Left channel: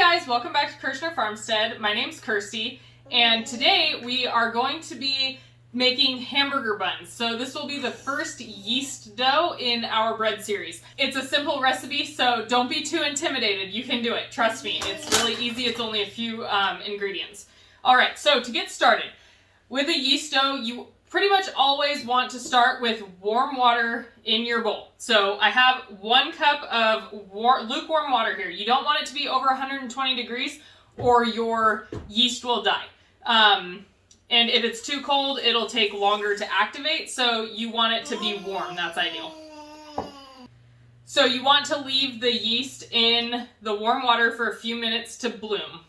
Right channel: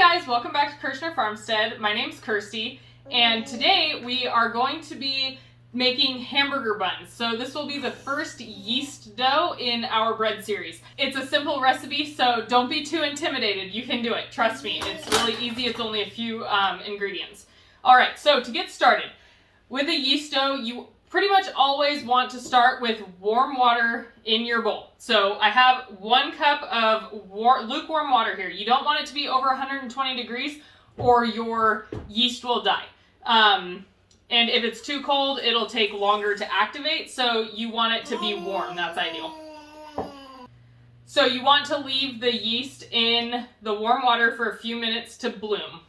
Hi guys, welcome back to Kerschner FarmStead. My name's Kirstie, and today we are going to be making hamburger buns. So this will be the first yeast dough in our bread series. It's a simple recipe, so don't be too intimidated. You can do it, trust me. It's really easy, it's only a few ingredients. Alright, so to get started, with a yeast dough, you pretty much always want to start with warm water in your bowl. So I have 1 cup of lukewarm water here. You don't want it to be over 120 degrees or your yeast will die. And if it's too cold, it'll take longer to activate, so you want it to be warm. That's ideal. So you want to leave the yeast in the warm water for a few minutes to bloom.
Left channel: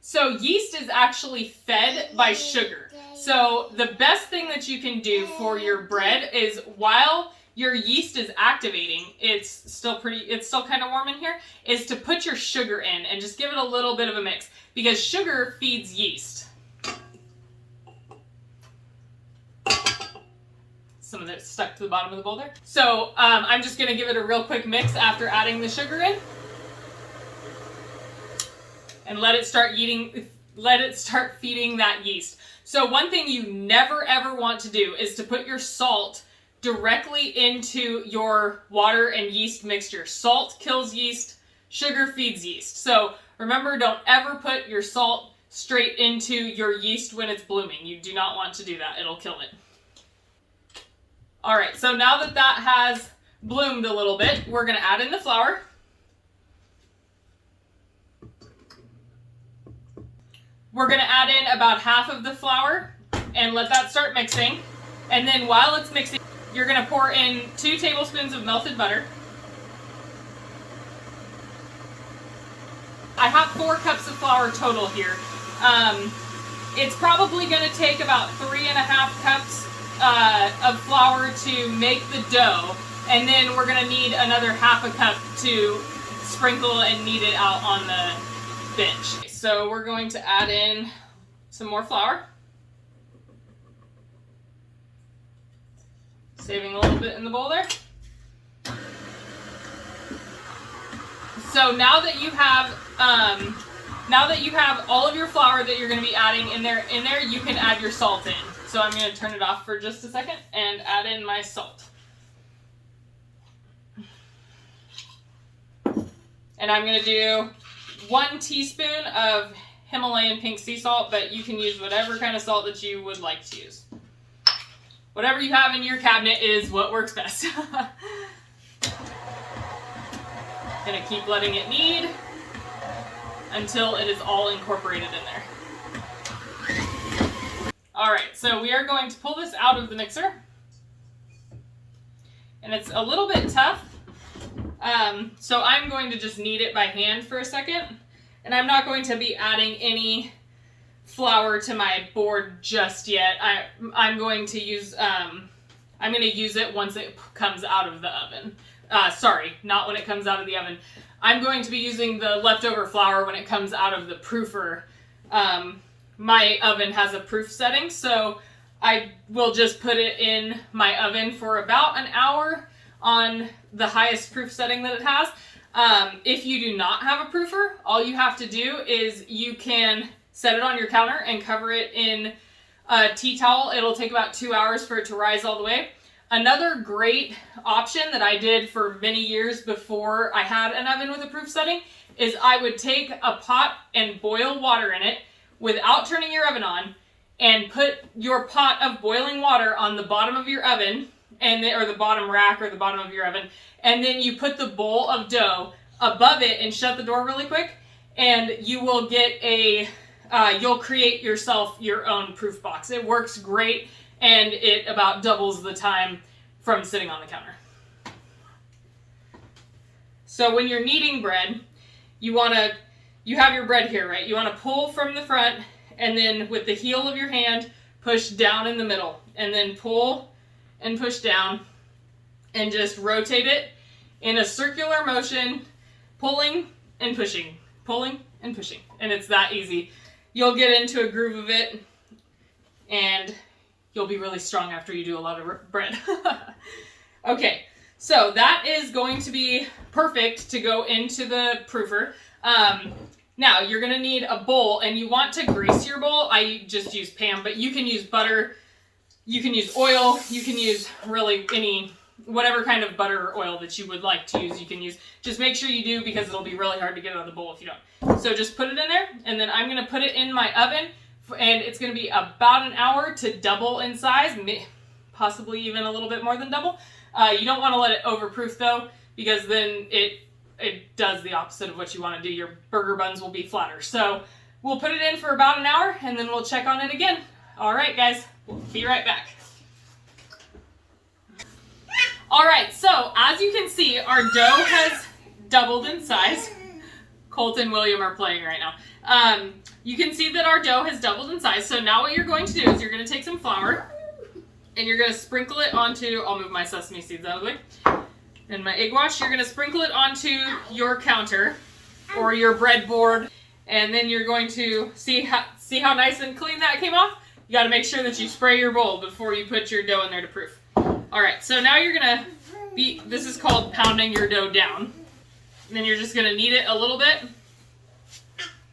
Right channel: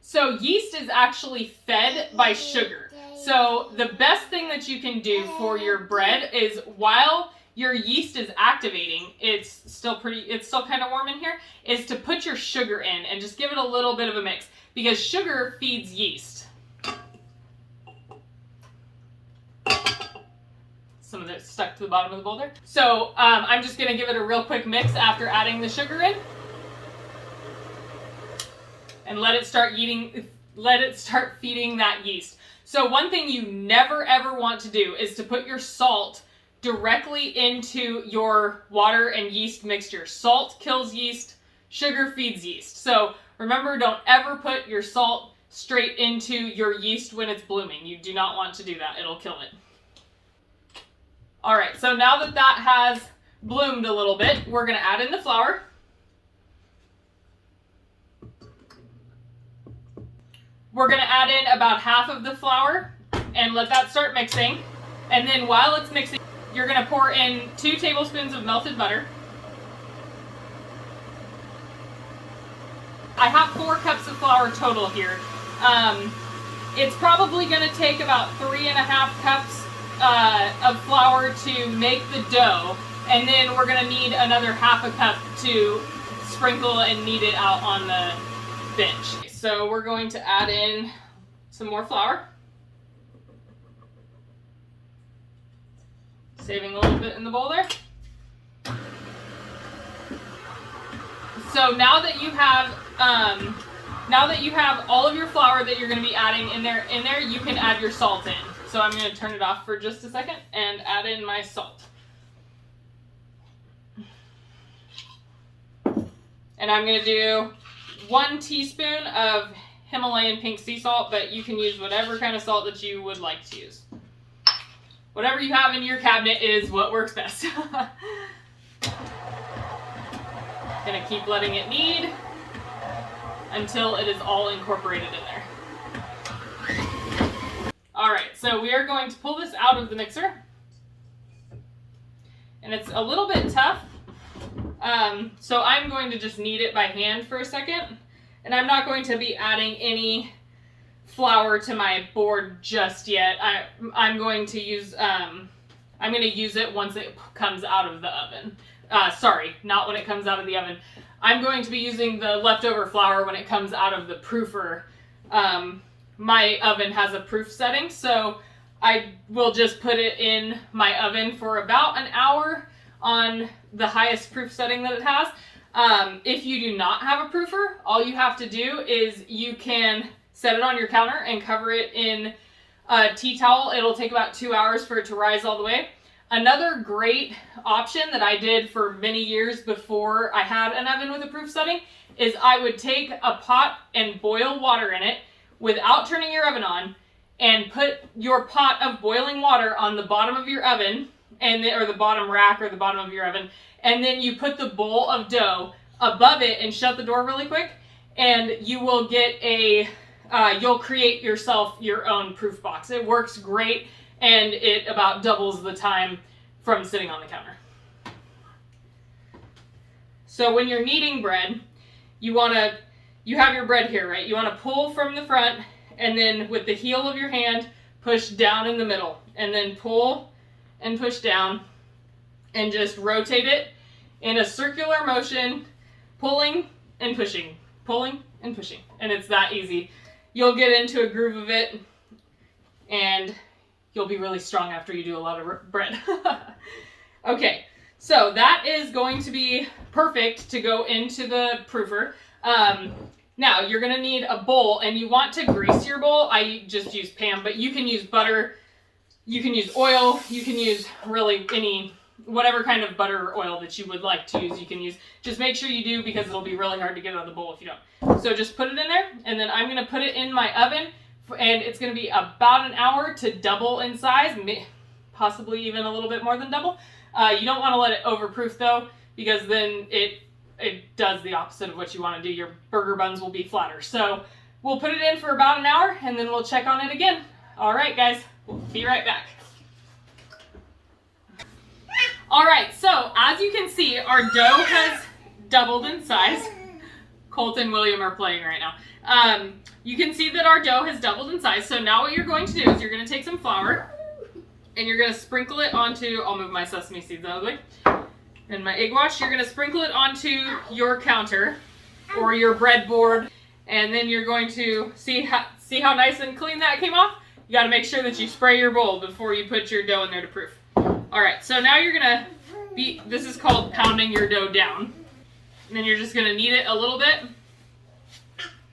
So yeast is actually fed by sugar. So the best thing that you can do for your bread is while your yeast is activating, it's still kind of warm in here, is to put your sugar in and just give it a little bit of a mix, because sugar feeds yeast. Some of it stuck to the bottom of the bowl there. So I'm just going to give it a real quick mix after adding the sugar in. And let it start feeding that yeast. So one thing you never ever want to do is to put your salt directly into your water and yeast mixture. Salt kills yeast, sugar feeds yeast. So remember, don't ever put your salt straight into your yeast when it's blooming. You do not want to do that. It'll kill it. Alright, so now that that has bloomed a little bit, we're going to add in the flour. We're going to add in about half of the flour and let that start mixing. And then while it's mixing, you're going to pour in 2 tablespoons of melted butter. I have 4 cups of flour total here. It's probably going to take about 3.5 cups of flour to make the dough. And then we're going to need another half a cup to sprinkle and knead it out on the bench. So we're going to add in some more flour. Saving a little bit in the bowl there. So now that you have all of your flour that you're going to be adding in there, you can add your salt in. So I'm going to turn it off for just a second and add in my salt. And I'm going to do 1 teaspoon of Himalayan pink sea salt, but you can use whatever kind of salt that you would like to use. Whatever you have in your cabinet is what works best. Gonna keep letting it knead until it is all incorporated in there. Alright, so we are going to pull this out of the mixer. And it's a little bit tough. So I'm going to just knead it by hand for a second, and I'm not going to be adding any flour to my board just yet. I'm going to use it once it comes out of the oven. Sorry, not when it comes out of the oven. I'm going to be using the leftover flour when it comes out of the proofer. My oven has a proof setting, so I will just put it in my oven for about an hour on the highest proof setting that it has. If you do not have a proofer, all you have to do is you can set it on your counter and cover it in a tea towel. It'll take about 2 hours for it to rise all the way. Another great option that I did for many years before I had an oven with a proof setting is I would take a pot and boil water in it without turning your oven on, and put your pot of boiling water on the bottom of your oven, or the bottom rack or the bottom of your oven, and then you put the bowl of dough above it and shut the door really quick, and you will get you'll create yourself your own proof box. It works great, and it about doubles the time from sitting on the counter. So when you're kneading bread, you have your bread here, right? You want to pull from the front, and then with the heel of your hand, push down in the middle, and then pull and push down, and just rotate it in a circular motion, pulling and pushing, and it's that easy. You'll get into a groove of it, and you'll be really strong after you do a lot of bread. Okay, so that is going to be perfect to go into the proofer. Now you're gonna need a bowl, and you want to grease your bowl. I just use Pam, but you can use butter, you can use oil, you can use really whatever kind of butter or oil that you would like to use, you can use. Just make sure you do, because it'll be really hard to get out of the bowl if you don't. So just put it in there, and then I'm gonna put it in my oven, and it's gonna be about an hour to double in size, possibly even a little bit more than double. You don't want to let it overproof though, because then it does the opposite of what you want to do. Your burger buns will be flatter. So we'll put it in for about an hour, and then we'll check on it again. All right, guys, we'll be right back. All right, so as you can see, our dough has doubled in size. Colt and William are playing right now. You can see that our dough has doubled in size. So now what you're going to do is you're going to take some flour, and you're going to sprinkle it onto, I'll move my sesame seeds out of the way, and my egg wash. You're going to sprinkle it onto your counter or your breadboard, and then you're going to see how nice and clean that came off. You got to make sure that you spray your bowl before you put your dough in there to proof. All right, so now you're going to this is called pounding your dough down. And then you're just going to knead it a little bit.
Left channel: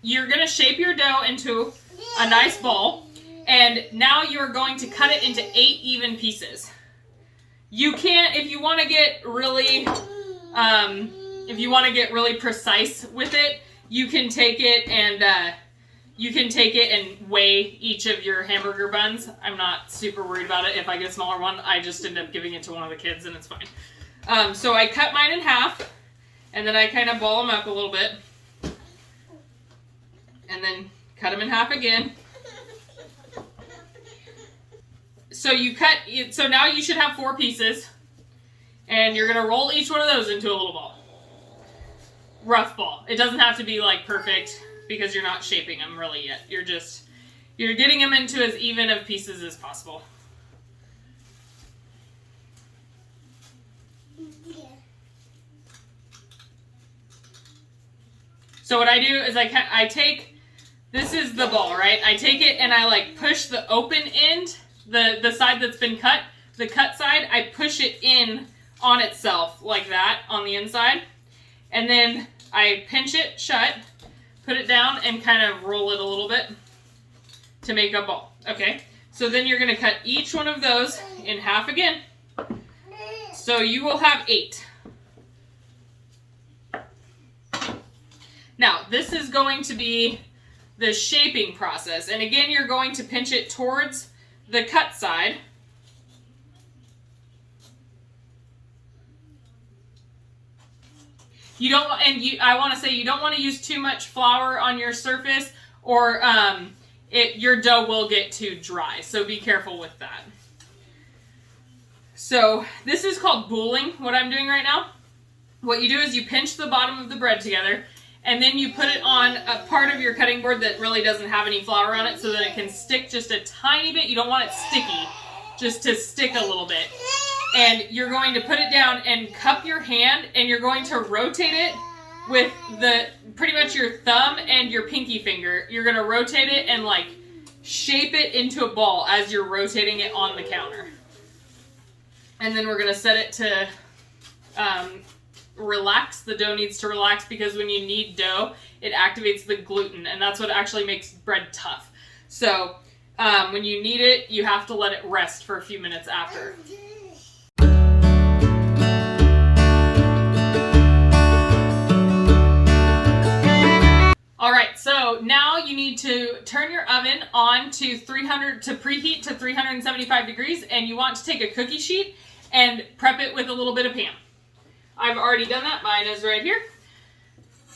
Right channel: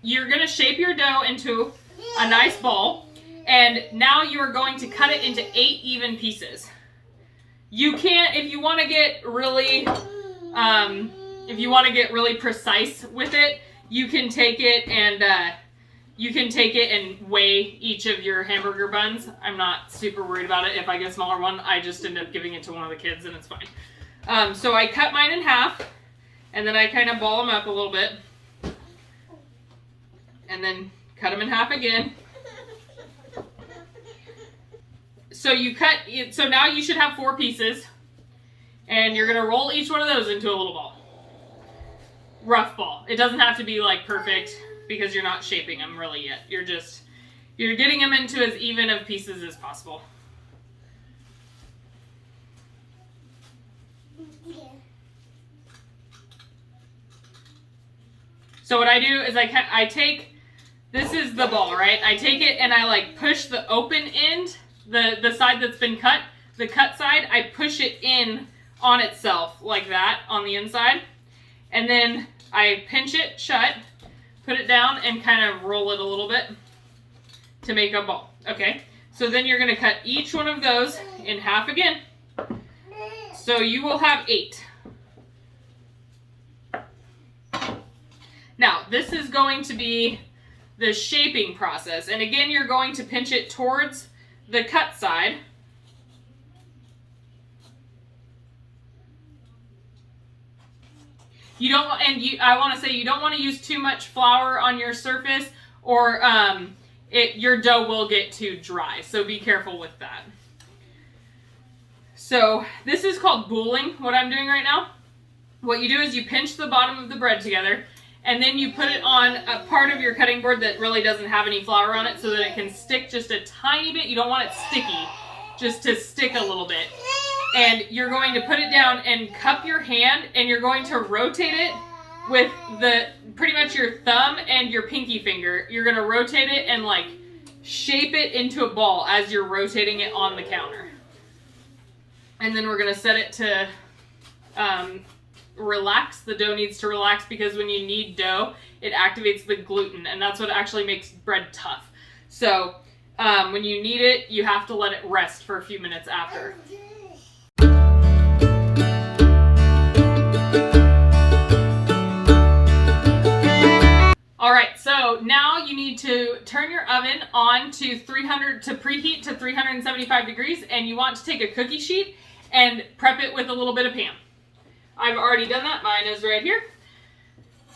You're going to shape your dough into a nice ball. And now you're going to cut it into 8 even pieces. You can't, if you want to get really, precise with it, you can take it and weigh each of your hamburger buns. I'm not super worried about it. If I get a smaller one, I just end up giving it to one of the kids, and it's fine. So I cut mine in half, and then I kind of ball them up a little bit, and then cut them in half again. So now you should have 4 pieces, and you're gonna roll each one of those into a little ball. Rough ball. It doesn't have to be like perfect, because you're not shaping them really yet. You're getting them into as even of pieces as possible. So what I do is I take, this is the ball, right? I take it and I like push the open end, the side that's been cut, the cut side, I push it in on itself like that on the inside. And then I pinch it shut, put it down, and kind of roll it a little bit to make a ball. Okay, so then you're gonna cut each one of those in half again. So you will have 8. Now, this is going to be the shaping process. And again, you're going to pinch it towards the cut side. I want to say you don't want to use too much flour on your surface, or your dough will get too dry. So be careful with that. So this is called bouling, what I'm doing right now. What you do is you pinch the bottom of the bread together, and then you put it on a part of your cutting board that really doesn't have any flour on it, so that it can stick just a tiny bit. You don't want it sticky, just to stick a little bit. And you're going to put it down and cup your hand, and you're going to rotate it with pretty much your thumb and your pinky finger. You're going to rotate it and like shape it into a ball as you're rotating it on the counter. And then we're going to set it to relax. The dough needs to relax, because when you knead dough, it activates the gluten, and that's what actually makes bread tough. So when you knead it, you have to let it rest for a few minutes after. All right, so now you need to turn your oven on to preheat to 375 degrees, and you want to take a cookie sheet and prep it with a little bit of Pam. I've already done that. Mine is right here.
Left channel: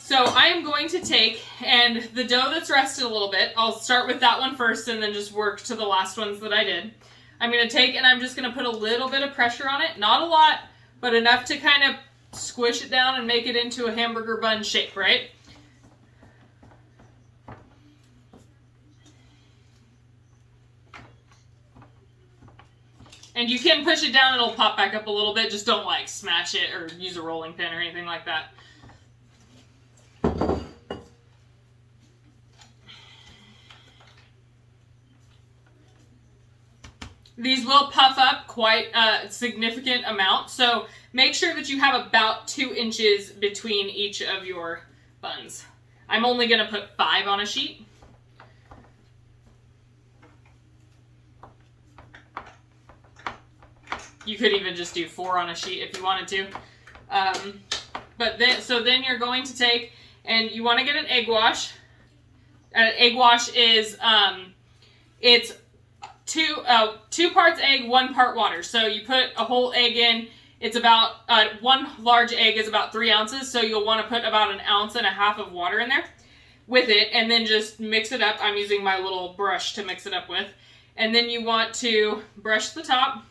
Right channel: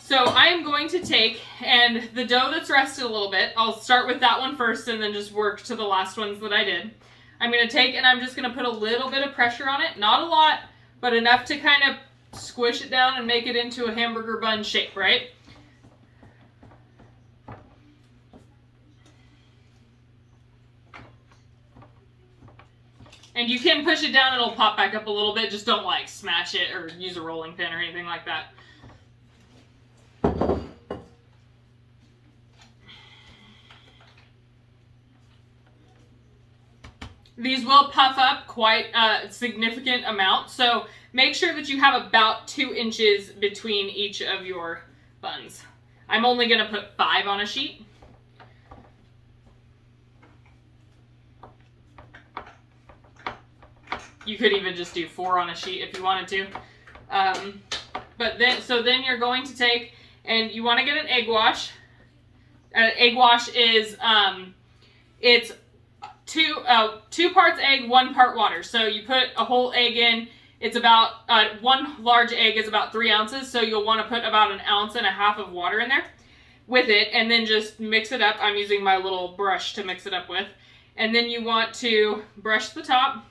So I am going to take, and the dough that's rested a little bit, I'll start with that one first and then just work to the last ones that I did. I'm going to take, and I'm just going to put a little bit of pressure on it. Not a lot, but enough to kind of squish it down and make it into a hamburger bun shape, right? And you can push it down, it'll pop back up a little bit. Just don't like smash it or use a rolling pin or anything like that. These will puff up quite a significant amount, so make sure that you have about 2 inches between each of your buns. I'm only going to put 5 on a sheet. You could even just do 4 on a sheet if you wanted to. But then you're going to take, and you want to get an egg wash. An egg wash is, it's 2 parts egg, 1 part water. So you put a whole egg in. It's about, 1 large egg is about 3 ounces. So you'll want to put about 1.5 ounces of water in there with it, and then just mix it up. I'm using my little brush to mix it up with. And then you want to brush the top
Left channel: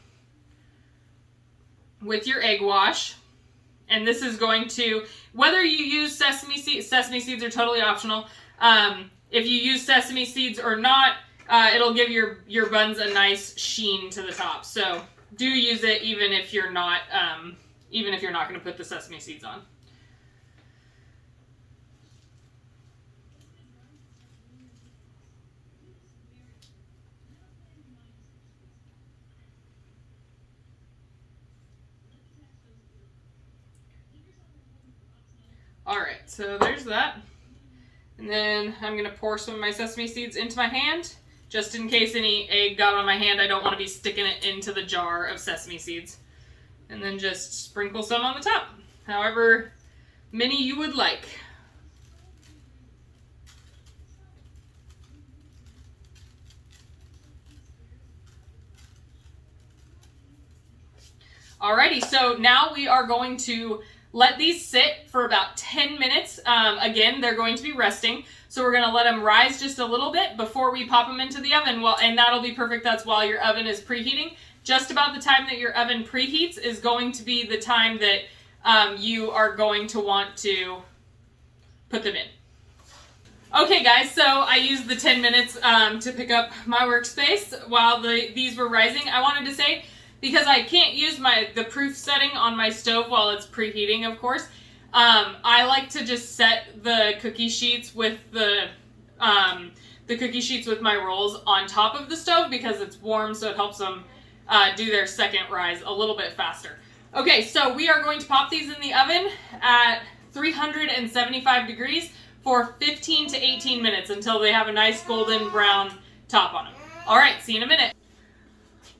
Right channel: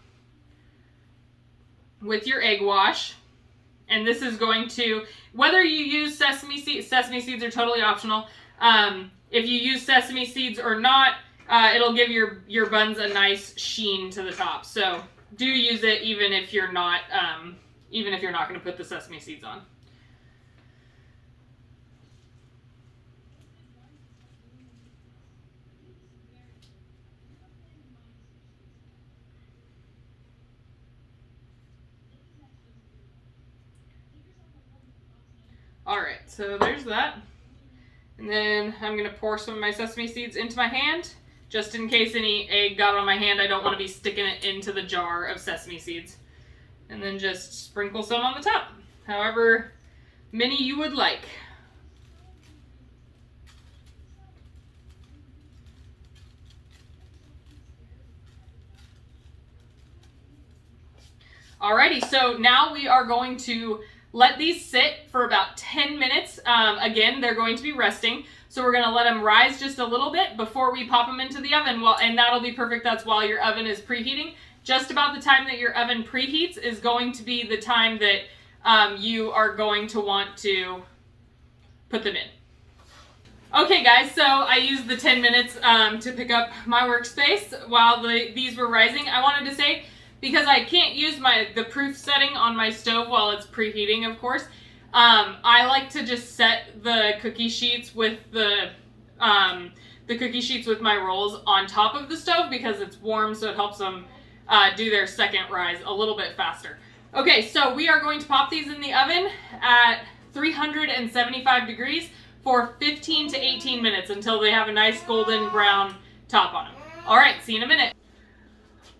with your egg wash. And this is going to, whether you use sesame seeds are totally optional. If you use sesame seeds or not, it'll give your buns a nice sheen to the top. So do use it even if you're not going to put the sesame seeds on. Alright, so there's that. And then I'm going to pour some of my sesame seeds into my hand. Just in case any egg got on my hand, I don't want to be sticking it into the jar of sesame seeds. And then just sprinkle some on the top, however many you would like. Alrighty, so now we are going to let these sit for about 10 minutes. Again, they're going to be resting. So we're going to let them rise just a little bit before we pop them into the oven. Well, and that'll be perfect. That's while your oven is preheating. Just about the time that your oven preheats is going to be the time that you are going to want to put them in. Okay guys, so I used the 10 minutes to pick up my workspace while these were rising. I wanted to say, because I can't use the proof setting on my stove while it's preheating, of course, I like to just set the cookie sheets with the cookie sheets with my rolls on top of the stove because it's warm, so it helps them do their second rise a little bit faster. Okay, so we are going to pop these in the oven at 375 degrees for 15 to 18 minutes until they have a nice golden brown top on them. All right, see you in a minute.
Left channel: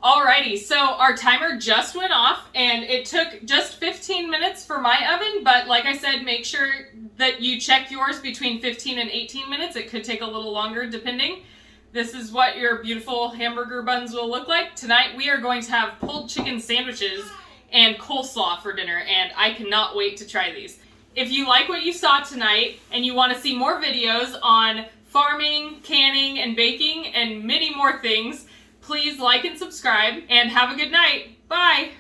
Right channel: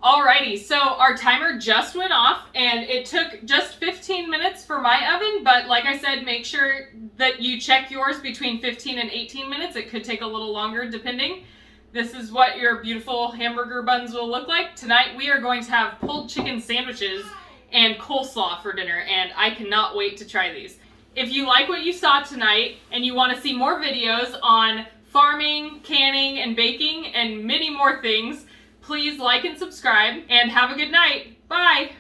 Alrighty, so our timer just went off and it took just 15 minutes for my oven, but like I said, make sure that you check yours between 15 and 18 minutes. It could take a little longer depending. This is what your beautiful hamburger buns will look like. Tonight we are going to have pulled chicken sandwiches and coleslaw for dinner, and I cannot wait to try these. If you like what you saw tonight and you want to see more videos on farming, canning, and baking, and many more things, please like and subscribe, and have a good night. Bye!